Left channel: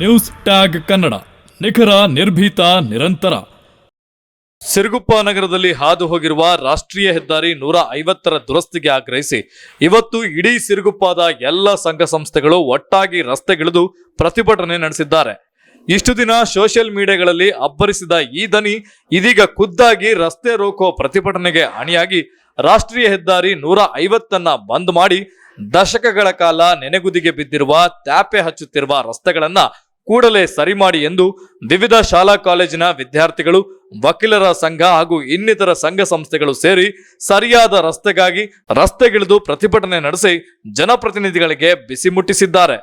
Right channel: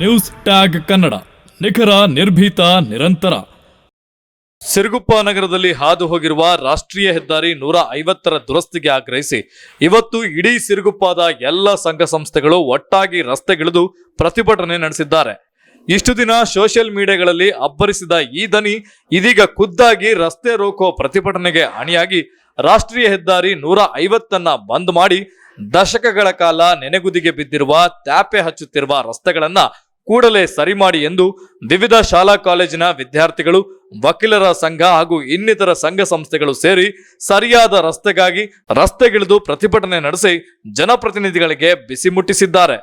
News tag Kannada, ನಿಖರ, ನಿರ್ಭೀತ, ನಿರಂತರ. ಸಿರುಗುಪ್ಪ ನಗರದಲ್ಲಿ ಹಾದು ಹೋಗಿರುವ ರಾಷ್ಟ್ರೀಯ ಹೆದ್ದಾರಿ 150ರ ದುರಸ್ತಿಗೆ ಆಗ್ರಹಿಸಿ ಇವತ್ತು ಇಡೀ ಸಿರುಗುಪ್ಪದ ಎಲ್ಲ ಸಂಘ ಸಂಸ್ಥೆಗಳು ಒಟ್ಟಾಗಿ ರಸ್ತೆಗಿಳಿದು ಪ್ರತಿಭಟನೆ ನಡೆಸಿದ್ದಾರೆ. ಇಷ್ಟು ದಿನ ಸೋಷಿಯಲ್ ಮೀಡಿಯಾಗಳಲ್ಲಿ ಅಬ್ಬರಿಸಿದ ಈ ದನಿ ಇದೀಗ ಖುದ್ದಾಗಿ ರಸ್ತೆ ರೋಕೋ ಪ್ರತಿಭಟನೆಗೆ ಅಣಿಯಾಗಿ ರಾಷ್ಟ್ರೀಯ ಹೆದ್ದಾರಿ 150ನ್ನ ಬಂದ್ ಮಾಡಿ ದಶಕಗಳ ಕಾಲ ನೆನೆಗುದಿಗೆ ಬಿದ್ದಿರುವ ತ್ಯಾಪೆ ಹಚ್ಚುತ್ತಿರುವ ರಸ್ತೆಗಳನ್ನ ಕೂಡಲೇ ಸರಿ ಮಾಡಿ ಎಂದು ವಿವಿಧ ಶಾಲಾ ಕಾಲೇಜಿನ ವಿದ್ಯಾರ್ಥಿಗಳು, ವಕೀಲರ ಸಂಘ ಹಾಗೂ ಇನ್ನಿತರ ಸಂಘ ಸಂಸ್ಥೆಗಳು ಸೇರಿ ಸರಿಯಾದ ರಸ್ತೆಗಾಗಿ ರಸ್ತೆಗಿಳಿದು ಪ್ರತಿಭಟನೆ ನಡೆಸಿ ಜನಪ್ರತಿನಿಧಿಗಳಿಗೆ ಬಿಸಿ ಮುಟ್ಟಿಸಿದ್ದಾರೆ.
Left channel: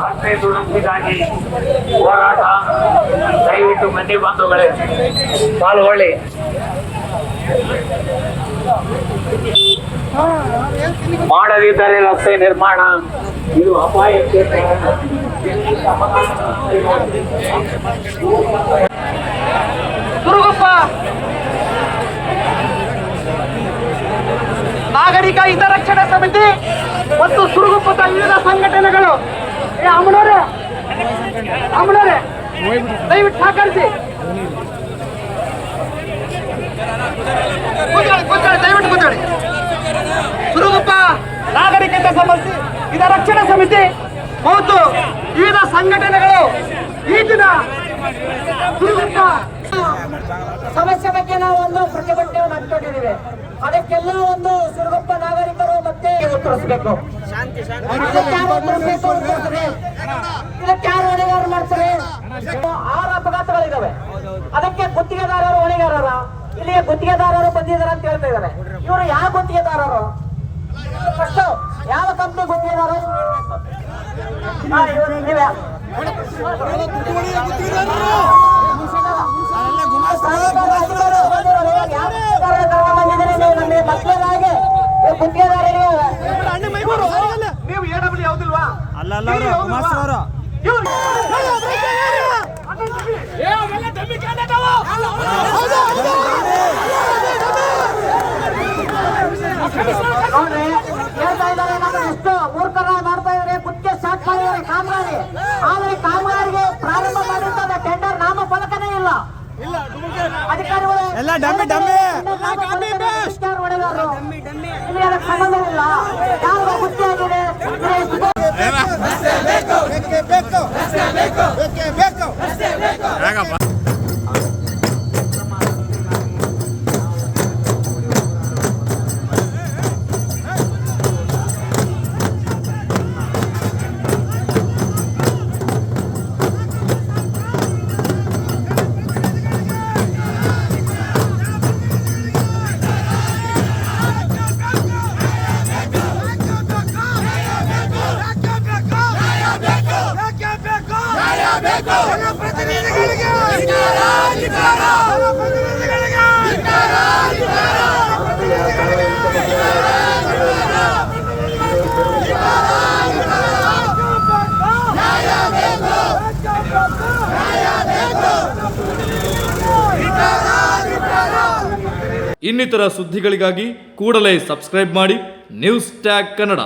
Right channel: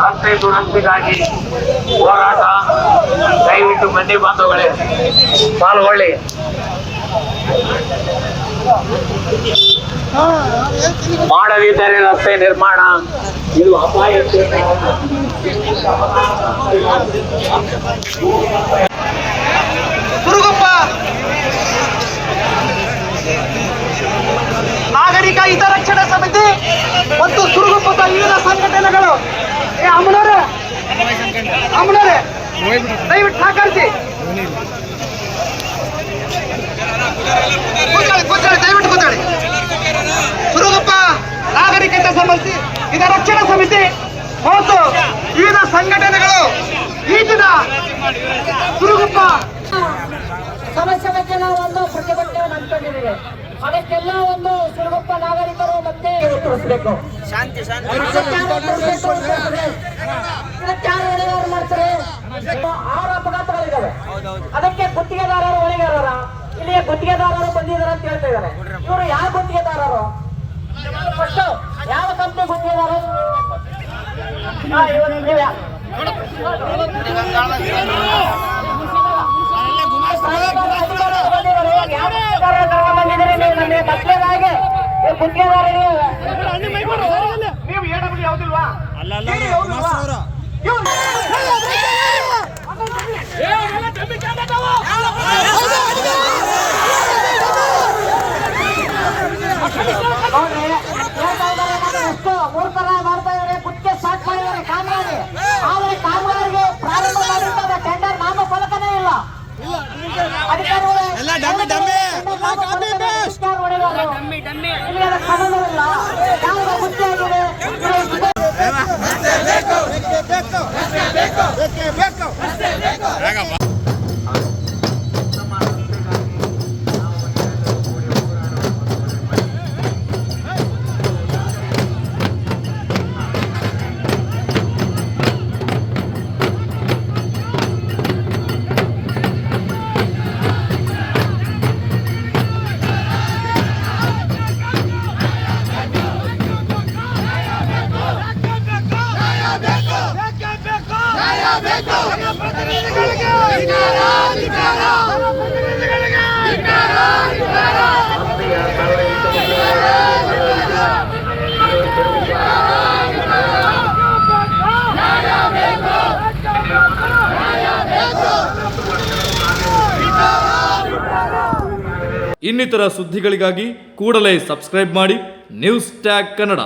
ರಸ್ತೆ ದುರಸ್ತಿಗಾಗಿ ಹೋರಾಟ ದಯವಿಟ್ಟು ಬನ್ನಿ ಬಾಂಧವಗಳೇ ಪಾಲ್ಗೊಳ್ಳಿ. ಮಾಡದಿದ್ದರೆ ರಸ್ತೆ ನಿರ್ಮಾಣ ಇದು ಅಪಾಯಕ್ಕೆ ಸುರುಗುಪ್ಪ ನಾಗರಿಕ ಹಿತರಕ್ಷಣಾ ಸಮಿತಿ ಮತ್ತು ಸುರುಗುಪ್ಪದ ವಿವಿಧ ಸಂಘಟನೆಗಳು ದಯವಿಟ್ಟು ಸಹಕರಿಸಿ. ಸುರುಗುಪ್ಪ ನಾಗರಿಕತೆ ಸಮಿತಿ, ಹಿತರಕ್ಷಣಾ ಸಮಿತಿ ಮತ್ತು ವಿವಿಧ ಸಂಘಟನೆಗಳು ಈ ದಿನ ಸುರುಗುಪ್ಪ ಸಮಸ್ಯೆ ಬಗ್ಗೆ ನಾವು ಒಂದು ಪ್ರತಿಭಟನೆ ನಡೆಸಿದ್ದೇವೆ. ಅದಕ್ಕೆಲ್ಲ ಒಂದು ಸುರುಗುಪ್ಪ ನಾಗರಿಕರು ಮತ್ತೆ ಉತ್ತರಿಸಬೇಕು. ಇದಕ್ಕೆ ಯಾರು ಹೊಣೆಗಾರ ಮಾಡ್ತಾರೆ? 6 ಅಪಘಾತಗಳಿದ್ದಾವೆ. ಅದಕ್ಕೆ ಗುತ್ತಿಗೆದಾರರು ಹೊಣೆಗಾರರ? ಇಲ್ಲಿಗೆ ಗುತ್ತಿಗೆದಾರರು ಬಂದಿದ್ದಾರೆ ಅಂತ ಹೇಳ್ತಾ ಇದ್ದಾರೆ. ಇವರು ಯಾವ ಗುತ್ತಿಗೆದಾರರು? ಫಸ್ಟ್ ಯಾವ ಕಂಪ್ನಿ ಗುತ್ತಿಗೆದಾರರು? ನೀವು ಎಡಬಿಡಿ ಯಾವುದಿಲ್ವಾ? ನೋಡ್ರಿ, ಹೇಳ್ತಾ ಇದ್ದಾರೆ ನಮ್ಮ ಎಷ್ಟು ಮೂರ್ಖರ ಮಾಡ್ತಾ ಇದ್ದಾರೆ. ಗುತ್ತಿಗೆ ಸ್ಟಾರ್ಟ್ ಮಾಡಿದ್ದಾರೆ ಕಾಮಗಾರಿ. ಆದರೆ ಕಾಮಗಾರಿಗೆ ಪ್ರಾರಂಭ ಮಾಡಿರ್ತದೆ ಟೆಂಡರ್ ನಾಮ ಫಲಕನೇ ಇಲ್ಲ. ಅಧಿಕಾರಿಗಳು ನಿಮಗೆ ಅದಕ್ಕೆ ಸಂಬಂಧವಿಲ್ಲ. ಯಾವ ಗುತ್ತಿಯಾಗಿದೆ ಇನ್ನಿತರ ಸುದ್ದಿಗಳಿಗಾಗಿ ಕೂಡಲೇ ಸಬ್ಸ್ಕ್ರೈಬ್ ಮಾಡಿ ನ್ಯೂಸ್ ಟ್ಯಾಗ್ ಕನ್ನಡ.